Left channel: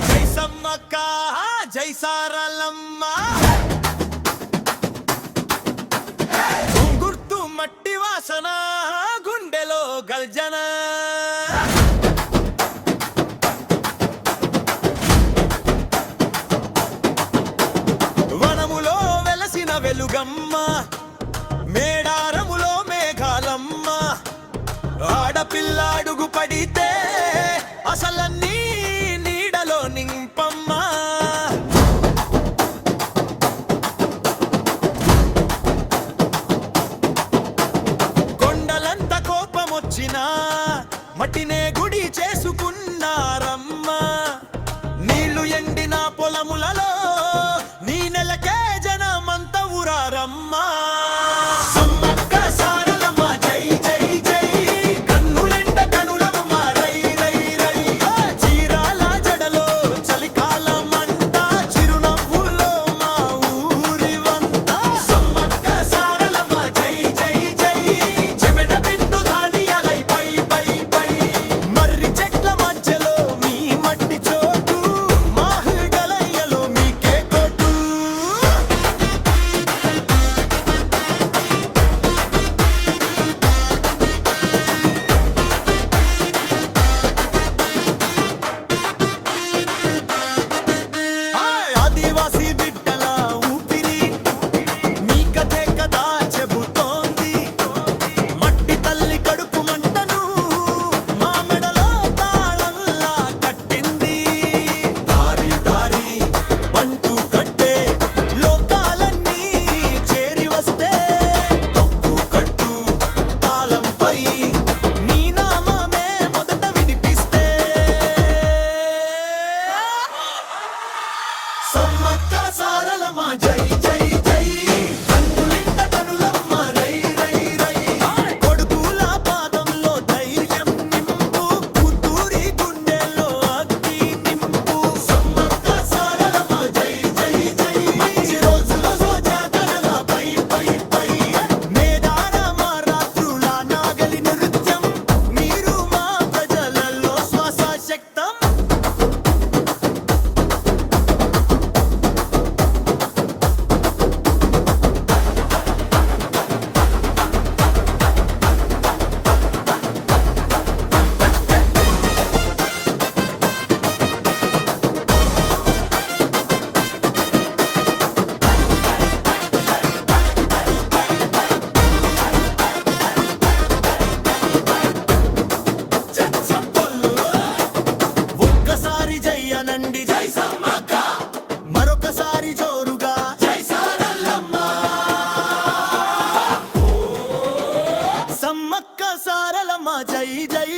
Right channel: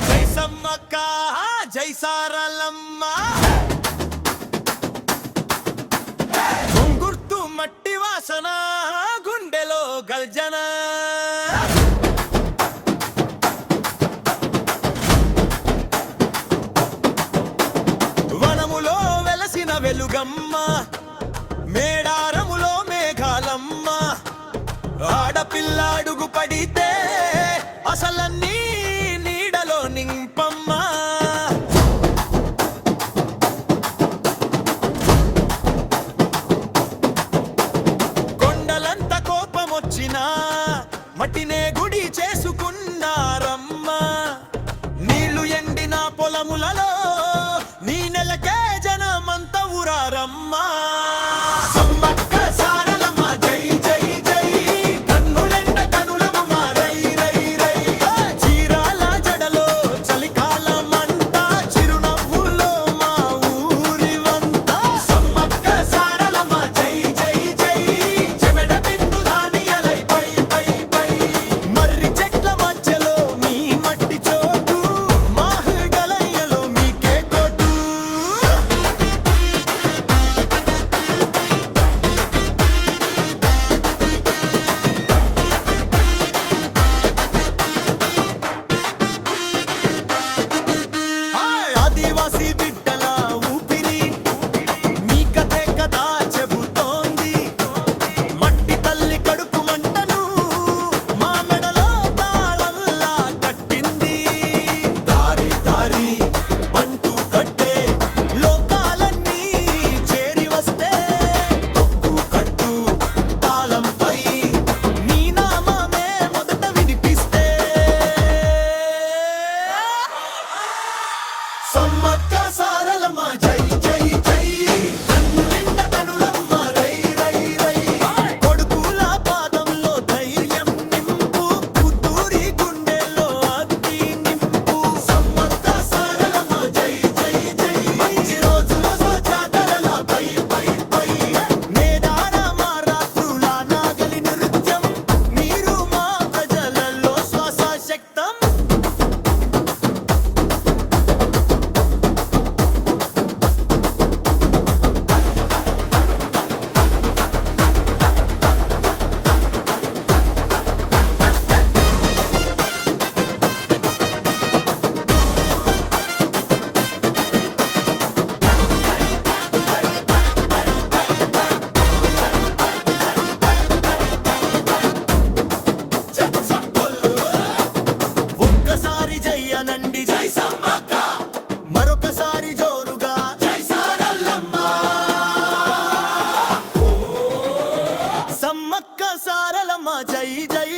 జై సమ్మక్క జై సారలమ్మ గుర్తు మట్టి వాసన గుండెలో గల్జన వనములో వెలసిన వెలుగమ్మ మేడారములో మేఘాలమ్మ ఆడపిల్లాడుగు పడితే అసలన్నీ నీడలో నింపమ్మ కొండలంత కోపమొచ్చినా మట్టినే గుడి చేసుకున్నారమ్మ నీళ్లు ఎండిన పొలములలో నీ నెలకే జనమంత ఊరారమ్మా సమ్మక్క సారలమ్మ జై జై జై కన్నులెండ కనులమ్మ రై రై రై చీరాల జడలో చలికాలమంట చిరునవ్వులో మా ఊరి వంట సమ్మక్క సారలమ్మ జై జై జై చెమెడ బిందు ధాన్యాలై పై పై పై మర్రి చెట్ల మధ్యలో మీ మట్టి చోటు మాహుగలయ్యలో మీకే కోటు ఆదివాసి బిడ్డల ఊపిరి మీ కథే కదా చెబుతోంది మట్టి తల్లి కడుపు మంటను మా మెడలో తాళంలా కట్టింది దారి దారి పంటూ కట్టే లోకాలన్నీ చేరి వస్తే తొక్కు కట్టు తాళంపై నీ నామమే మొదట వినిపిస్తే సమ్మక్క సారలమ్మ జై జై జై కన్నులింట కనులమ్మ రై రై రై కొడుకుల పాదంలో ధైర్యం నింపు కూతురి గుండెల్లో అగ్ని నింపు సమ్మక్క సారలమ్మ జై జై జై మంచి రోజులలో జాతరల పై పై పై మేడారమ్మ రాత్రుల నాగలి నృత్యం మీరు మా ప్రజలలో శ్వాస శక్తం ఒక్కసారి జై అనండి జై సమ్మక్క మరొకసారి జోరుగా జై సారలమ్మ సమ్మక్క సారలమ్మ జై జై